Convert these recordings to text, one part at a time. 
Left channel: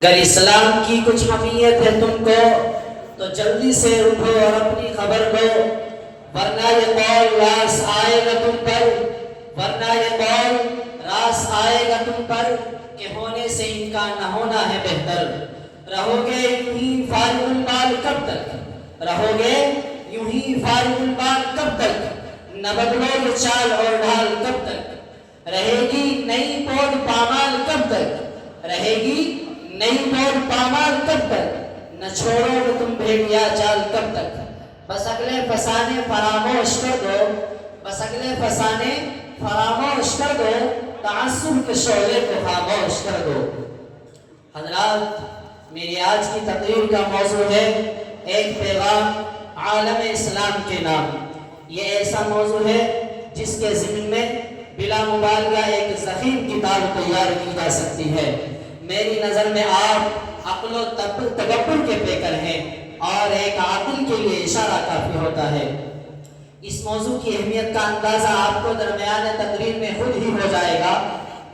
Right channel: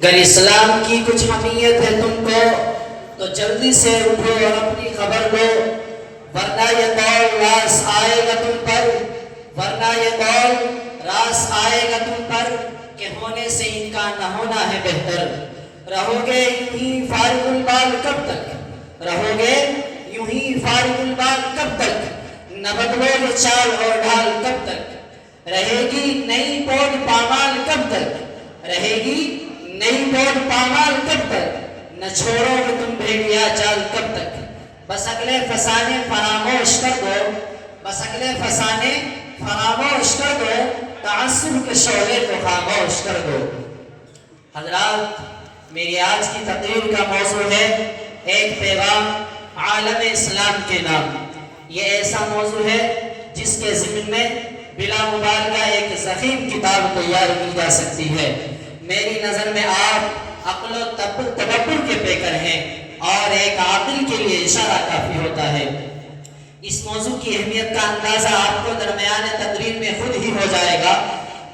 اگر اسلام کی کچھ اہمیت ہے تم کو تو جلدی سے اٹھو اور اپنی خبر لو، ورنہ یہ قول راس آئے گا تم پر، ورنہ یہ قول راس آئے گا تم پر کہ ہونے سے ان کا نہ ہونا ہے بہتر۔ رہو گے یوں ہی فارغ البال کب تک، رہو گے یوں ہی فارغ البال کب تک، نہ بدلو یہ چال اور ڈھال کب تک، رہے گی نئی پود پامال کب تک، رہے گی نئی پود پامال کب تک، نہ چھوڑو گے تم بھیڑیا جال کب تک۔ بس اگلے فسانے فراموش کر دو، بس اگلے فسانے فراموش کر دو، تعصب کے شعلے کو خاموش کر دو۔ حضرات، میری آج کی تقریر کا موضوع ہے ایک پیغام عالم اسلام کے نام۔ یہ ایسا موضوع ہے جس کے ضمن میں بلا مبالغہ ایک ضخیم کتاب تیار کی جا سکتی ہے۔ میری نظر میں آپ عقل و تدبر کے پیکر ہیں اور ایک عاقل کے لیے اشارہ کافی ہوتا ہے۔ اس موضوع کی اہمیت کا اندازہ آپ کو درمیان تقریر میں خود ہی ہو جائے گا۔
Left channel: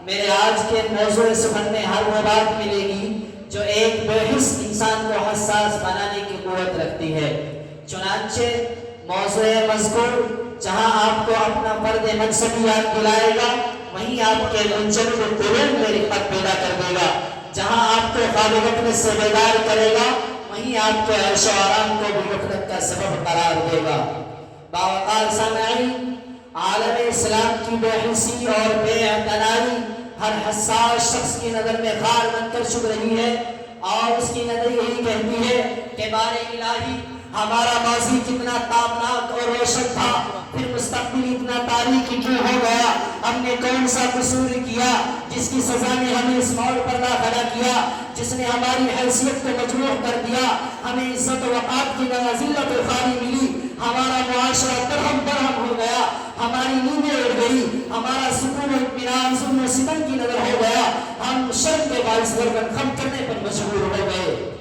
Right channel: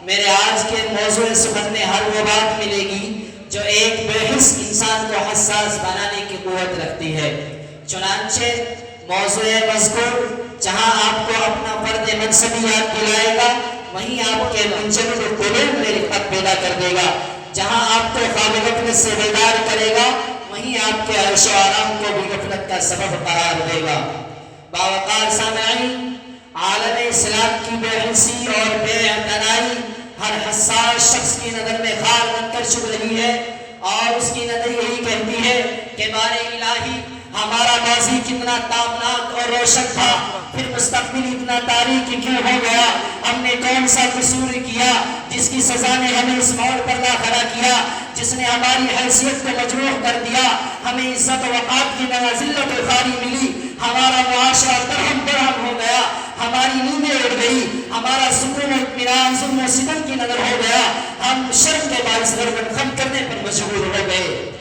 میرے آج کے موضوع سخن میں ہر وہ بات ملے گی جو ایک بے حس انسان کو حساس بنانے کی قوت رکھتی ہے۔ چنانچہ موضوع مذکور جہاں آپ کو اپنا فرد منصبی یاد دلائے گا، وہیں آپ کے منجمد قلوب میں رفت پیدا کر دے گا۔ جہاں آپ کو خواب غفلت سے بیدار کرے گا، وہیں آپ کے عیش و آرام کو بھی غفلت کا سبب قرار دے گا۔ باوقار سامعین، عالم اسلام کی بے حسی اور بے اعتنائی ہر حساس شخص کی نظر میں خار بن کر چبھ رہی ہے، اور اس کی نظر یہی کہتی ہے کہ بارے الہی، ہمارا ماضی کتنا تابناک اور روشن تھا، پھر مستقبل اتنا تاریک کیوں ہو گیا؟ ہم نے کون سا قصور کیا جس کی سزا نے ہمیں اس موڑ پر لا کھڑا کیا، جس نے ہماری حیثیت کو مجروح کر دیا، ہمیں عزت و وقار کی نہ ذلت و خواری ملی، ہمارا معاشرہ درہم برہم ہو گیا، ہماری نیندیں اڑ گئی، ہمارا سکون و اطمینان ظلم و ستم کی نظر ہو گیا، ہم شرم کے باعث گردن خم کرنے پر مجبور ہو گئے،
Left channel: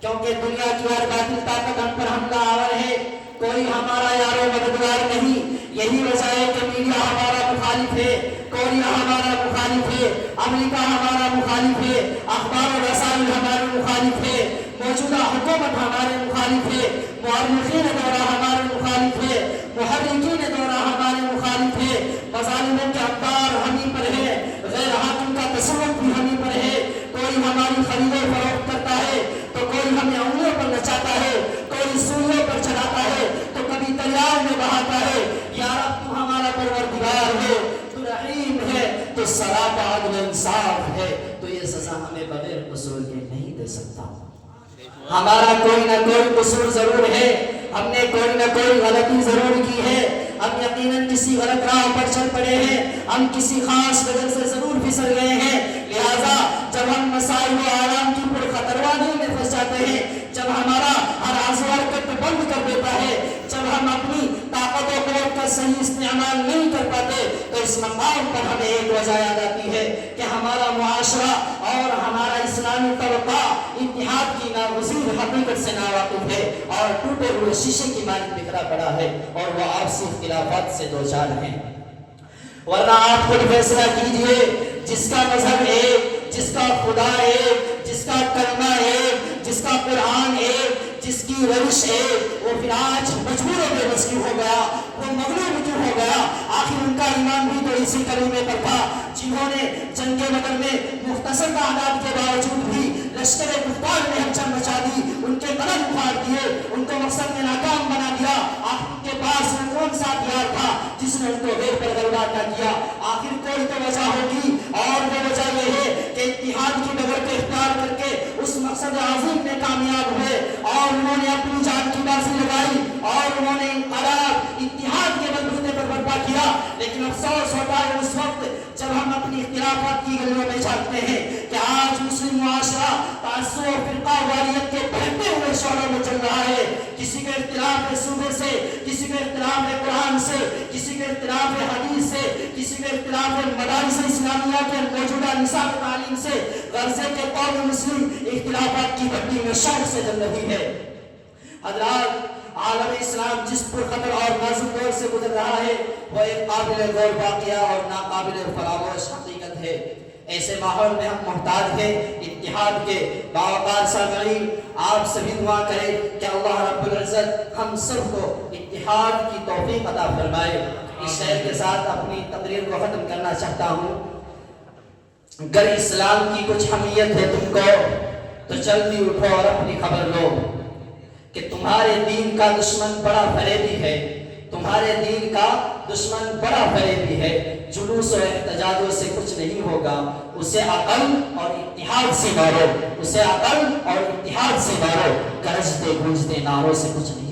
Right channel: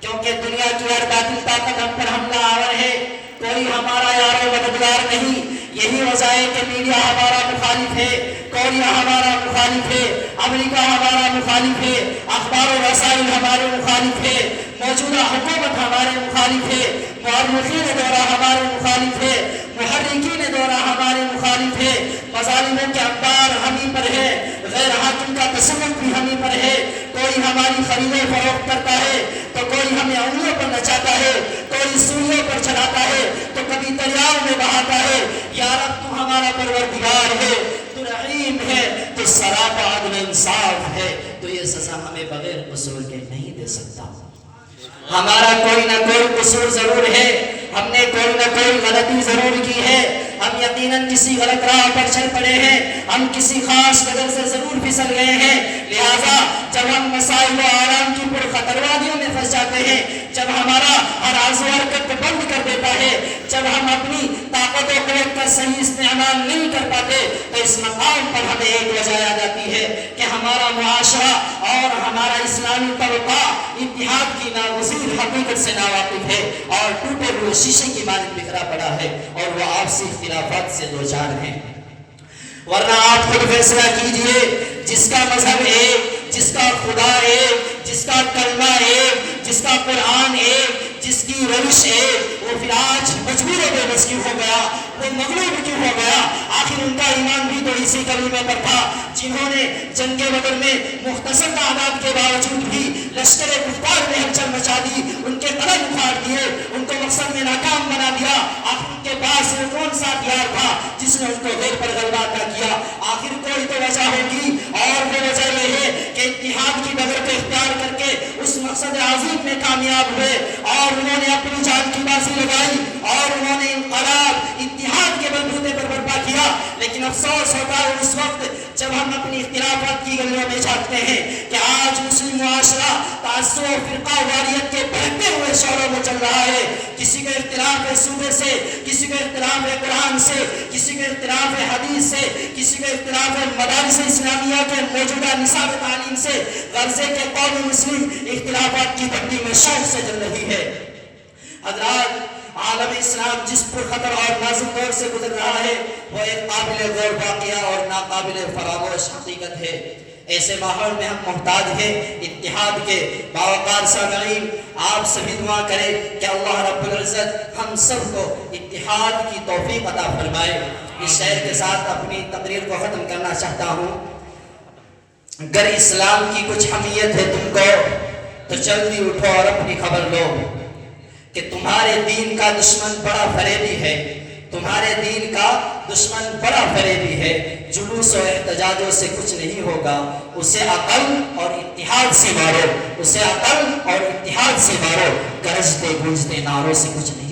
کیونکہ دنیا کی ہر باطل طاقت ہم پر حملہ آور ہے، کوئی ہمارا یار و مددگار نہیں۔ یہی وجہ ہے کہ میڈیا ہمارا مخالف ہے، کوریا ہمارا مخالف ہے، امریکہ ہمارا مخالف ہے، اخبار و رسائل ہمارے مخالف ہے، موجودہ حکومت ہمارے مخالف ہے، مورخین دورہ ہمارے مخالف ہے، محرکین دورہ ہمارے مخالف ہے، مظالموں کے اخبار ہمیں پر ہے، غیر حاکم کا تصور بھی ہمیں پر ہے، کوئی ہماری خرید و فروخت کرتا ہے تو کوئی ہمیں انگلیوں پر نچاتا ہے، کوئی سولیوں پر چڑھاتا ہے تو کبھی دریاؤں میں بہاتا ہے۔ یا رب، تو ہمارا پروردگار ہے، تو رحیم ہے، تو سراپا عدل انصاف ہے، تو یہ سزا ہمیں بغیر قصور کے نہیں دے سکتا۔ ہمارا کوئی نہ کوئی قصور ضرور ہے، ہم نے کوئی نہ کوئی غلطی ضرور کی ہے، ہم یقیناً کسی غلط راہ پر چل پڑے ہیں، ہم کسی خاص نظر سے ضرور پھسل گئے ہیں۔ لہٰذا جب ہم مسائل و آرام کی پرخطر وادیوں میں پھنس جاتے ہیں، جب ہمارا ہر عضو حرکت کو بند کر دیتا ہے، جب ہم اپنی طاقت و قوت کا صحیح استعمال نہیں کر پاتے، تو اس مقام پر ہمیں ایک وجہ یاد آتی ہے کہ ہمارا معاشرہ اور ہمارا اسلامی طبقہ اتحاد کی ناگزیر حقیقت سے ناواقف ہے اور ٹوٹے ہوئے شیشے کی مانند بکھرا پڑا ہے، اور وہ آپسی اختلافات سے دوچار ہیں۔ ورنہ آپ خود فیصلہ کیجئے، جس کا مذہب ایک، جس کا خدا ایک، جس کا کلمہ ایک، جس کا قرآن ایک، جس کی روش ایک، وہ پھر آج مجبور بے بس کیوں ہو گیا؟ وہ مغلوب کیوں ہو گیا؟ آخر ان کا ایمان بھی تو اسی کلمے پر تھا، جنہوں نے جنگ بدر میں مختصر تعداد کے باوجود بھی لشکر کفار میں ہلچل مچا دی، ان کے قدم اکھاڑ دیے، ان کو مقصد میں ناکام بنا دیا۔ آخر ان کے پاس وہ کون سا ہتھیار تھا جس نے ان کو غیر پر غلبہ عطا کیا؟ آخر کوئی تو وجہ ہوگی، اور وہ وجہ یہ ہے کہ اتحاد کی ڈگر کو اختیار کر کے اس مقصد عظیم میں کامیاب ہوئے، اور انہوں نے اپنی جان کی بازی لگائی، اور انہوں نے انقلاب اتحاد کے بلبوتے پر برپا کیا۔ لیکن افسوس ہوتا ہے اس وقت جب ہم اپنی اختلافات کی گلیوں میں جھانکتے ہیں کہ آج مسلم معاشرہ تعصب و فرقہ واریت کے بہتے ہوئے شعلوں میں چل رہا ہے۔ کسی کا اختلاف ہے صوبے سے، کسی کا اختلاف ہے قرآن سے، کسی کا اختلاف ہے حدیث سے، کسی کا اختلاف ہے مدارس اسلامیہ کے موجودہ نصاب تعلیم سے۔ غرضے کے قوم مسلم اختلافات کی بھٹی میں شوق سے جل رہی ہے۔ حضرات، عالم اسلام جس پر خطر اور نازک دور سے گزر رہا ہے، وہ ایک قابل غور واقعہ اور ناقابل فراموش حقیقت ہے۔ ایسے ماحول میں ہم محتاج ہیں اتحاد کے۔ باوقار سامعین، آپ سبھی دعا کریں کہ اللہ رب العزت ہم سب کو اتحاد کی توفیق عطا فرمائے۔ اس شعر کے ساتھ اپنی تقریر کو ختم کرنا چاہتا ہوں۔ اگر اسلام کی کچھ اہمیت ہے تم کو تو جلدی اٹھو اور اپنی خبر لو کہ تمہارے دین کا دشمن بڑا فریبی ہے، تمہارے دین کا دشمن بڑا فریبی ہے۔ جلوس و احتجاجوں سے کچھ نہیں ہوگا، اسے عقل اور اتحاد سے مارو، اسے عقل اور اتحاد سے مارو، گرجتے گونجتے نعروں سے کچھ نہیں ہوگا۔